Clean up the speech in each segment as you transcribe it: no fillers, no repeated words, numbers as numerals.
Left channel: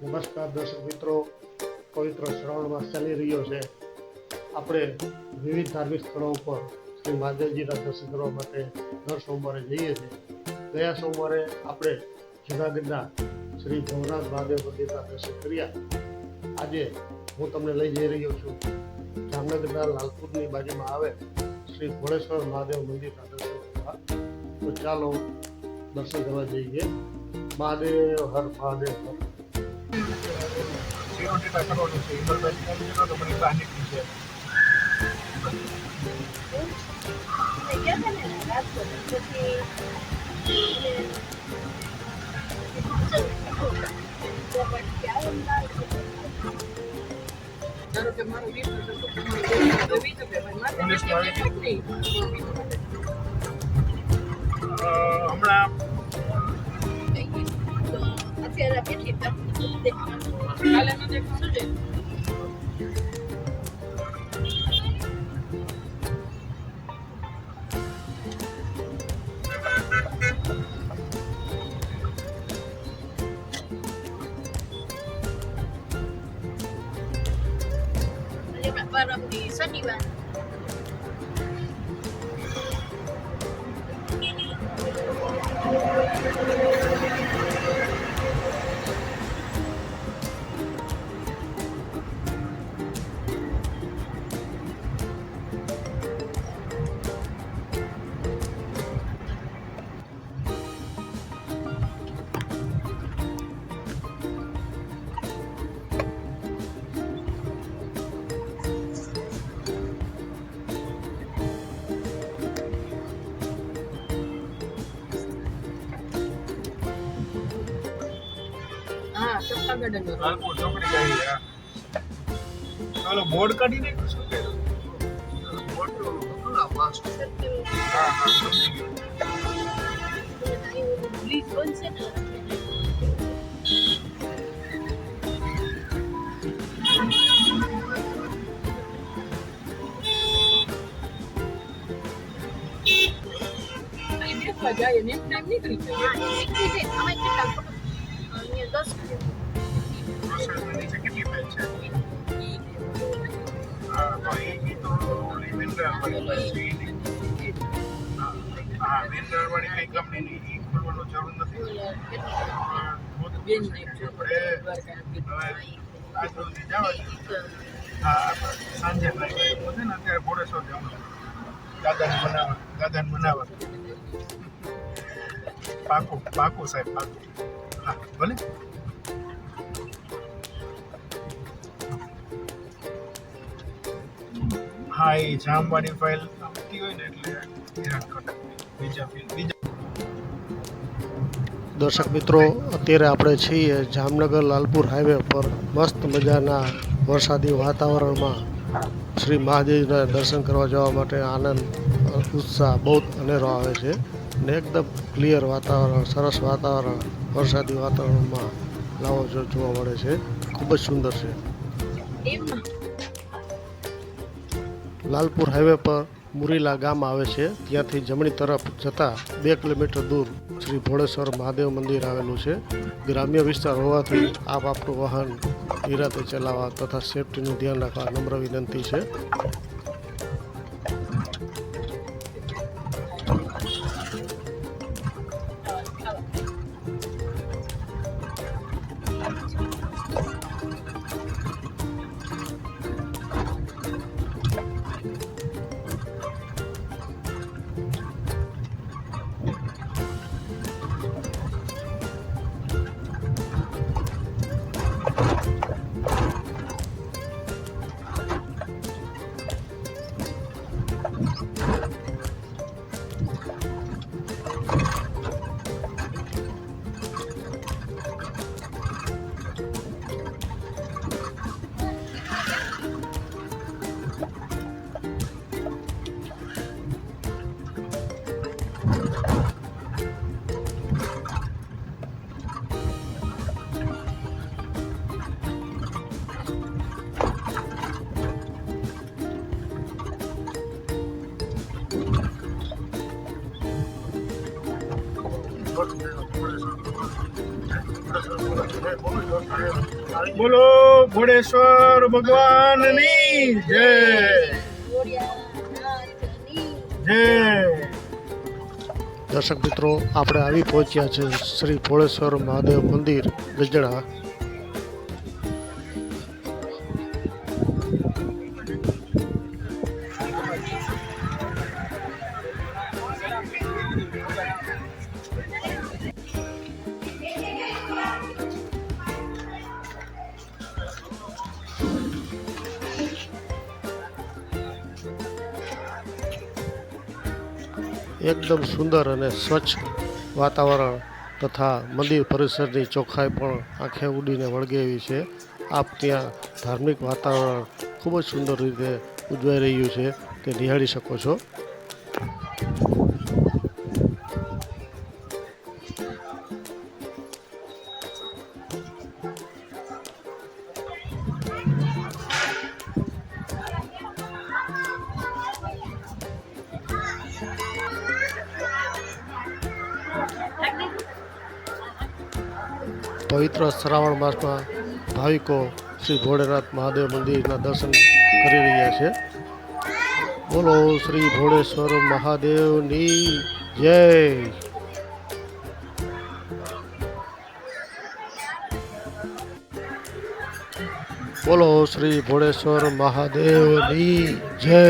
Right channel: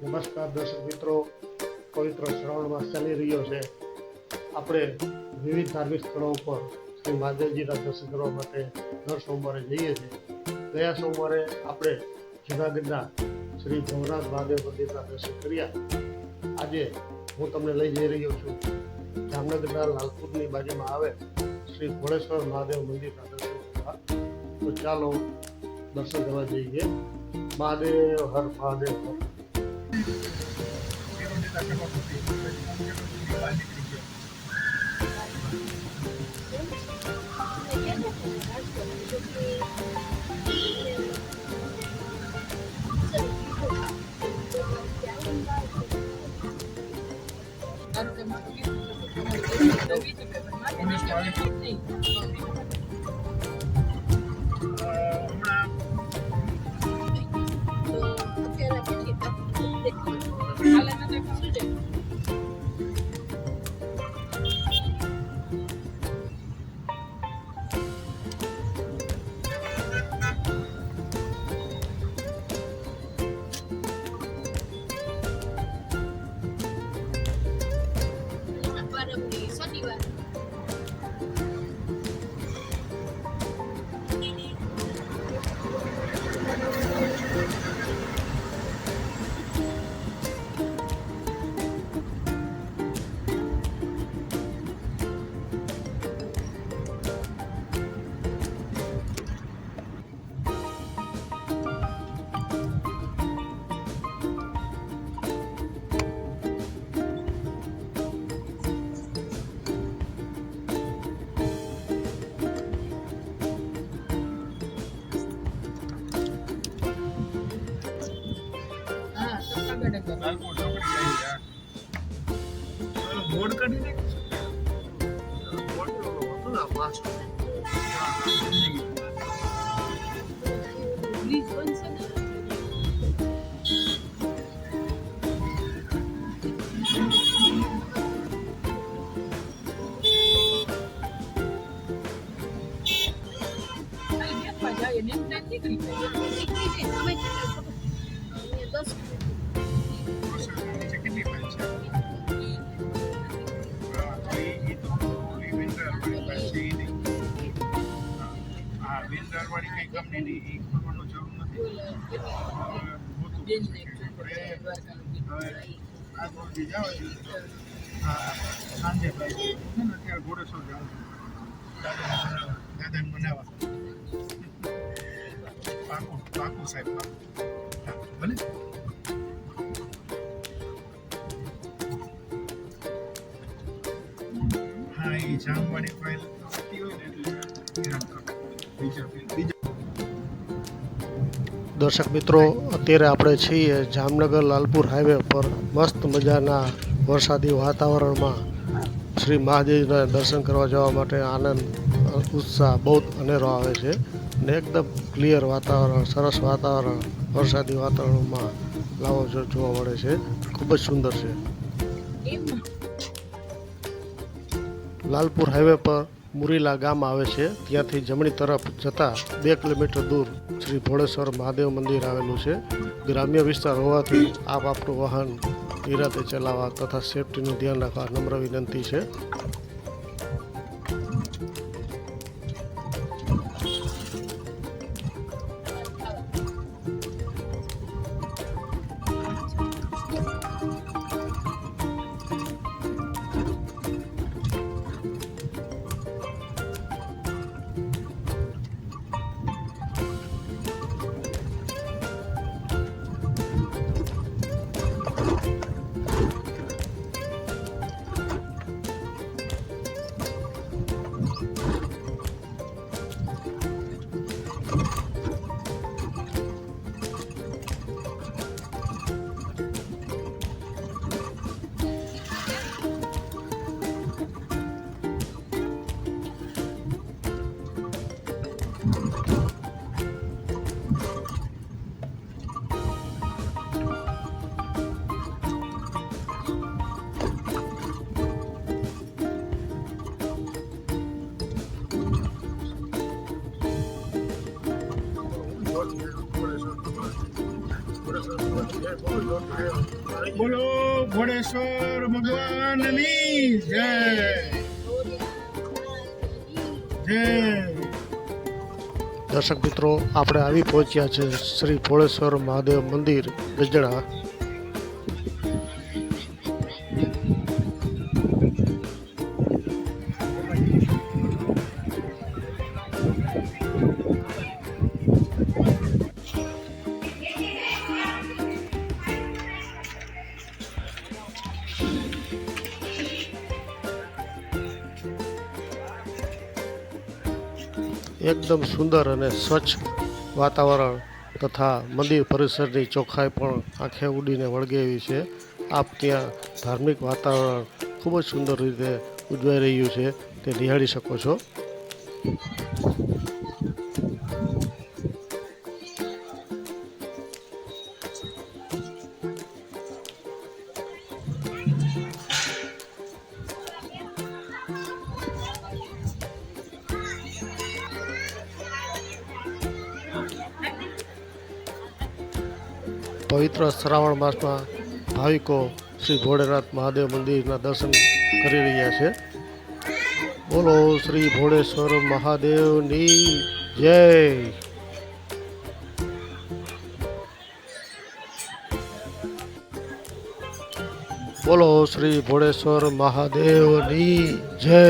નમસ્કાર દર્શક મિત્રો, પવિત્ર શ્રાવણ માસ ચાલી રહ્યો છે. આપણે વિવિધ ધાર્મિક સ્થળો ઉપર શ્રી મહાદેવજીના દર્શન કરવા માટે દર સોમવારે જઈએ છીએ. ગયા સોમવારે આપણે જૂનાગઢના શ્રી ભવનાથ મહાદેવ મંદિરના દર્શન કર્યા. આજે હું તમને લઈ જઈ રહ્યો છું જામનગરના લાલપુરની બાજુમાં આવે શ્રી ભોળેશ્વર મહાદેવ મંદિરના દર્શન કરવા. તો ચાલો દર્શન કરવા જઈએ. મહાદેવ હર મહાદેવ હર. શનિવાર લાલપુર ચોકડી જાય. ચાલો બોર્ડ કાઢી દે. સાંજે અત્યારે ઘોડેશ્વર જવું છે દાદાને બનાવવા. પાકું સાહેબ, પાકું. હા ભલે. હા, એ જામવાળી ફાઇલ આવતી હોય ને એટલે બીજા દર્શક મિત્રો, અત્યારે આપણે છીએ જામનગર લાલપુર હાઈવે પર મસ્ત મજાના વરસાદી વાતાવરણમાં શ્રી મહાદેવના દર્શન કરવા જવા માટે આનંદ ઉત્સાહ બહુ અનેરો આવે છે ને એકદમ ક્લિયર વાતાવરણ, સરસ વાતાવરણ, વરસાદી વાતાવરણમાં લાવો જોવા મળે છે. ખૂબ જ સુંદર છે. લાલપુર હાઈવે પર મુરીલા ગામ આવે છે. ત્યાંથી જમણી તરફ જતાં 2 કિલોમીટર દૂર શ્રી ભોળેશ્વર મહાદેવ મંદિર આવેલું છે. ગ્રામ્ય વિસ્તાર હોવાથી આપ આપણું વાહન નિરાતે ચલાવવા તથા સેફટીનું ધ્યાન રાખવા નમ્ર વિનંતી છે. બોલો ઘોડેશ્વર ભગવાનની જય જય. દર્શક મિત્રો, આપણે આવી પહોંચ્યા છે શ્રી ભોળેશ્વર મહાદેવ મંદિર ગજડા. એકદમ સુંદર અને સ્વચ્છ વાતાવરણ તથા મંદિર પરિસરની ચોખ્ખાઈ પણ આંખે ઉડીને વળગે એવી છે. આપ ત્યાં ધાર્મિક વાતાવરણ ખૂબ જ સુંદર રીતે ઉજવાઈ રહ્યું છે તે નિહાળી શકો છો. પવિત્ર શ્રાવણ માસમાં ભાવિકો શ્રી ભોળેનાથ મહાદેવ મંદિરના દર્શન કરી રહ્યા છે. બોલો શ્રી ભોળેશ્વર મહાદેવની જય. બોલો શ્રી ભોળેશ્વર મહાદેવની જય.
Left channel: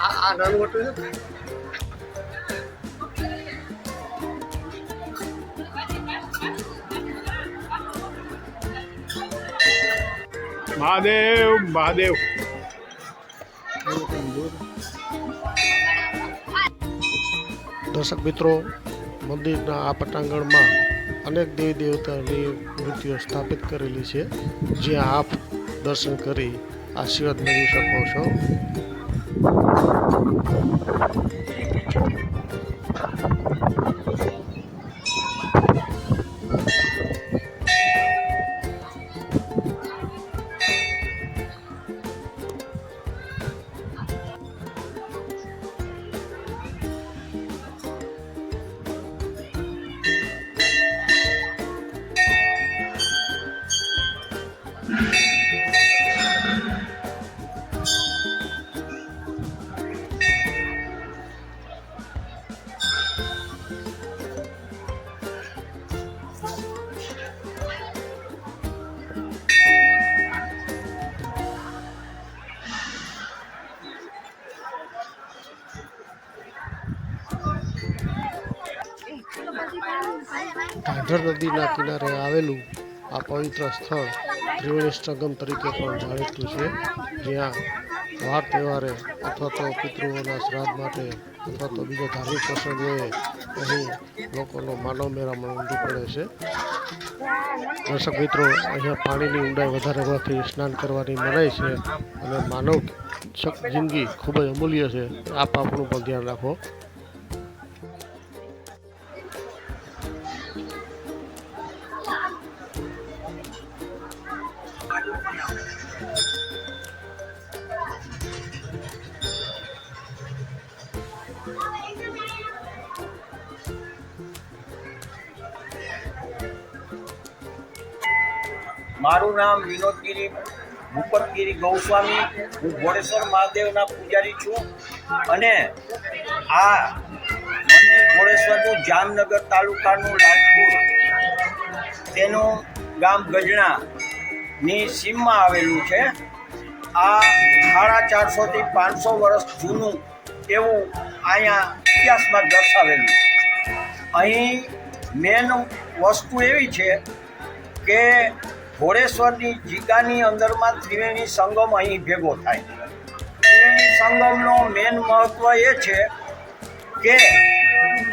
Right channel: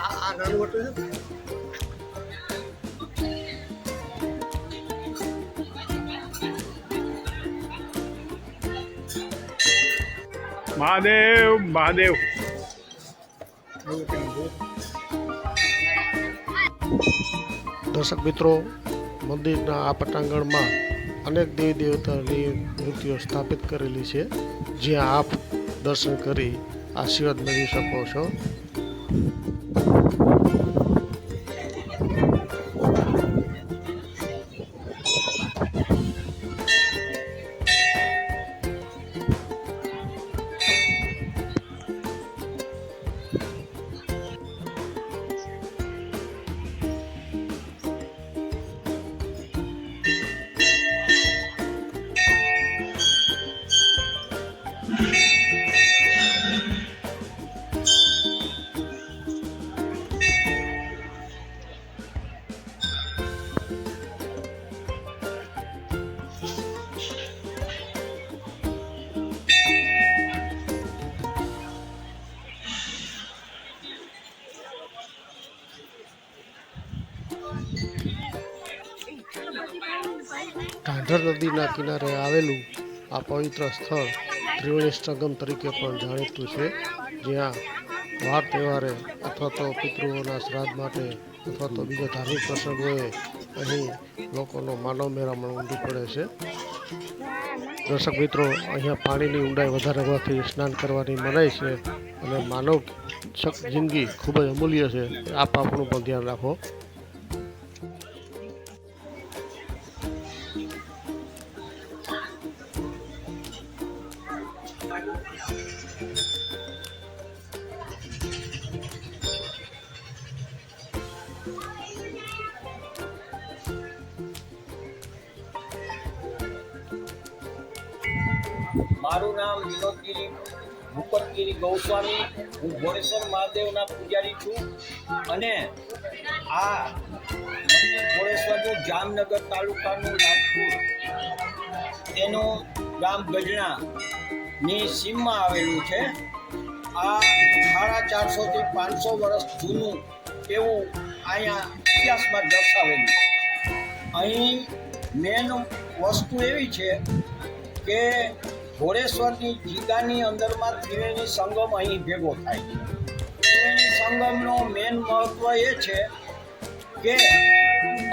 આ નાનું હોટલ છે. મહાદેવ મહાદેવ. દર્શક મિત્રો, મંદિરના આ પટાંગણમાં અનેક દેવી દેવતાની મૂર્તિઓ સ્થાપિત કરેલી છે, જ્યાં આપ દર્શન કરી આશીર્વાદ મેળવી શકો છો. ઢાઢર નદીના કિનારે આવેલું આ પવિત્ર સ્થળ ત્રિવેણી સંગમ તરીકે પણ જાણીતું છે, જ્યાં વાર તહેવારે અથવા તો પિતૃઓના શ્રાદ્ધ માટે અથવા તો બીજા ધાર્મિક પ્રસંગોએ અહીં લોકોનો માનવ મેળામણ ઉમટી પડે છે. દર્શક મિત્રો, અહીંયા પાણીની ઊંડાઈ વધારે હોવાથી સ્નાન કરવાની મનાઈ છે અને માનવ જિંદગી ખૂબ જ અમૂલ્ય છે. આપ આપણું પણ ધ્યાન રાખો. મારું નામ વિનોદગીરી ભૂપતગીરી ગૌસ્વામી. હું ભોળેશ્વર મહાદેવના પૂજારી છું અને આ મંદિર ભોળેશ્વરનું જામનગર તાલુકાનું લાલપુર તેનું ગામ ગજણાની સીમમાં આવેલું છે. આ 450 થી 500 વર્ષ જૂનું એવું અહીંયા ઇતિહાસમાં દર્શાવેલું. અહીં મેન વસ્તુ એવી છે કે ઘોડેશ્વરની જીગાની અંદરમાં ત્રિવેણી સંગમ અહીં ભેગો થાય છે. ત્રિવેણી સંગમનો મેન મહત્વ એ છે કે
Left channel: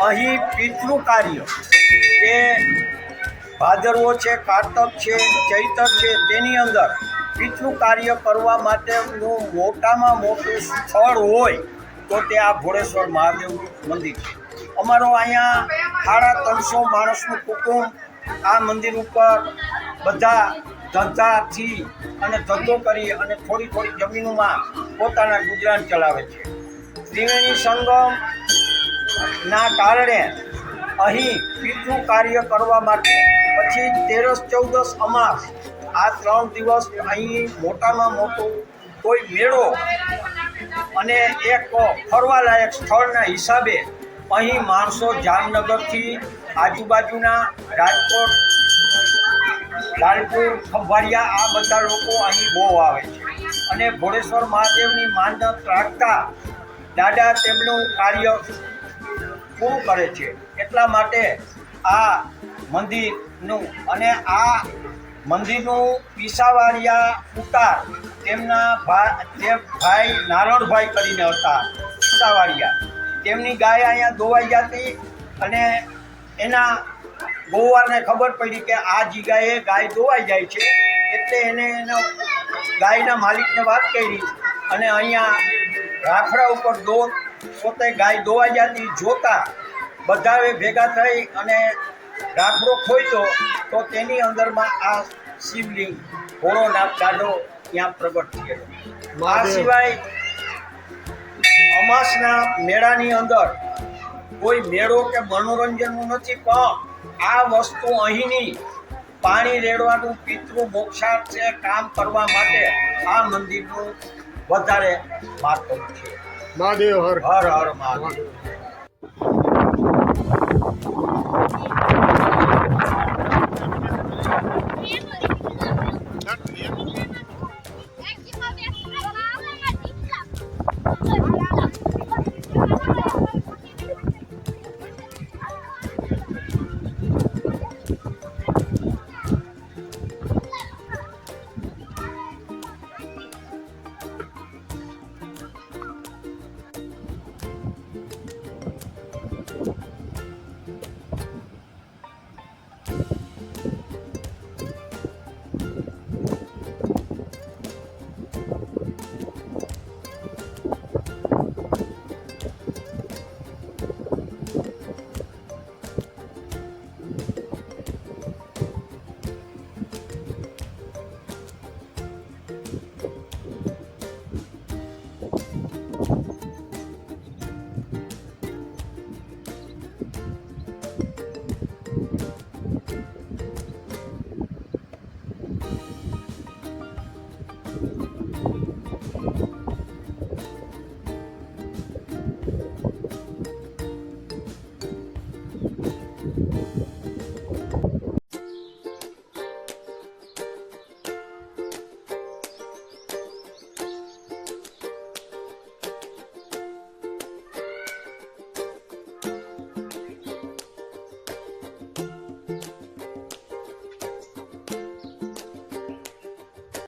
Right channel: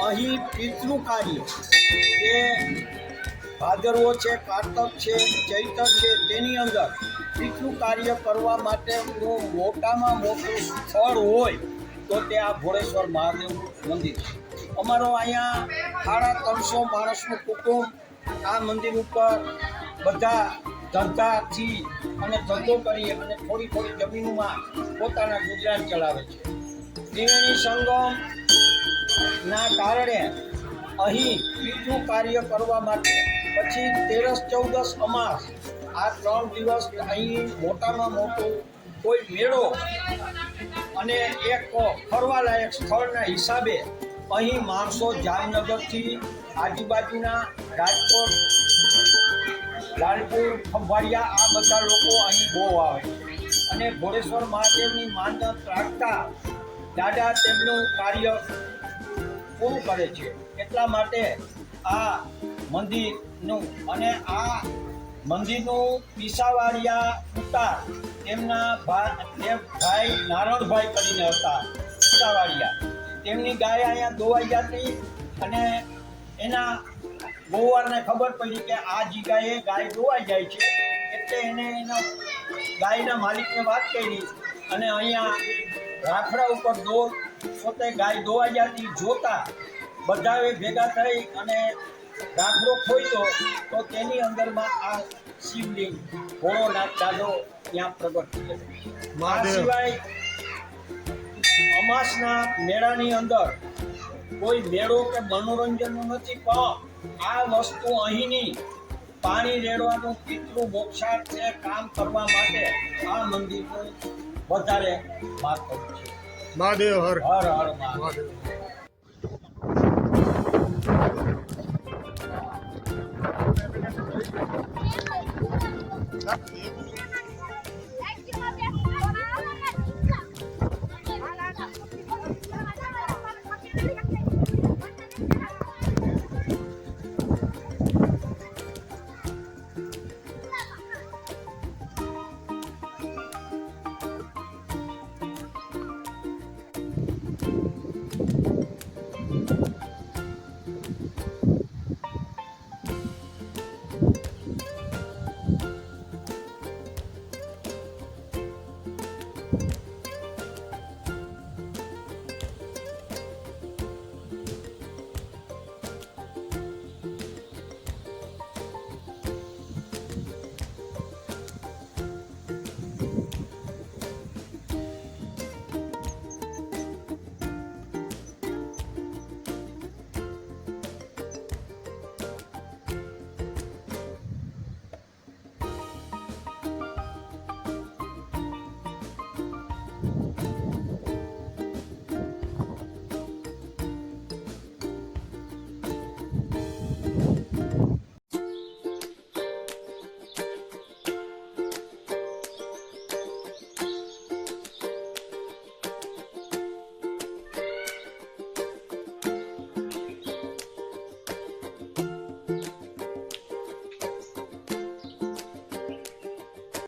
અહીં પિતૃ કાર્ય કે ભાદરવો છે, કારતક છે, ચૈતર છે, તેની અંદર પિતૃ કાર્ય કરવા માટેનું મોટામાં મોટું સ્થળ હોય તો તે આ ઘોડેશ્વર મહાદેવ મંદિર છે. અમારો અહીંયા 350 માણસનું કુટુંબ આ મંદિર ઉપર બધા ધંધાથી અને ધંધો કરી અને થોડી થોડી જમીનમાં પોતાના ગુજરાન ચલાવે છે. ત્રિવેણી સંગમના કારણે અહીં પિતૃ કાર્ય કરવા માટે પછી 13-14 અમાસ આ 3 દિવસ અહીં મોટામાં મોટું કોઈ મેળો અને એક ફરવાલાયક સ્થળના હિસાબે અહીં માણસો જામનગરથી આજુબાજુના રાજકોટ, લાલપુર, ખંભાળિયા આ બધા લોકો અહીં બહુ આવે છે અને ઘોડેશ્વર મહાદેવની માનત રાખતા દાદા તેમનું કાર્ય પૂરું કરે છે. એટલા માટે આ મંદિરનું અને આ મંદિરનું પીસાવાડિયા ઉતાર તેમના ભાઈ નારણભાઈ કરીને હતા પીસાવાડિયા. તેમની ગાય અહીંયા દોવાઈ જતી અને એના ગોવારને ખબર પડી કે આ જગ્યાએ ગાય દોવાઈ જાય છે એટલે એને એના ગાયના માલિકને વાત કરી અને અહીંયા રાખડા ઉપર દોર પોતે ગાય દોવાઈ જતી જોતા બધાએ ભેગા થઈ અને રાખડો ખોલ્યો તો તેની અંદરમાં આ શિવલિંગ ભોળોનાથ દાદો ત્યાં પ્રગટ થયેલો. આ સિવાય અમાસના મેળાની અંદર કોઈ મેળો કે મનોરંજનનું નથી, પણ આ વસ્તુ અહીંની પાણી રેડવાનું પિતૃ મોક્ષાર્થે કામ કરવા માટે આ મંદિરનું વધારે મહત્વ છે. મહાદેવ હર હર હર મહાદેવ.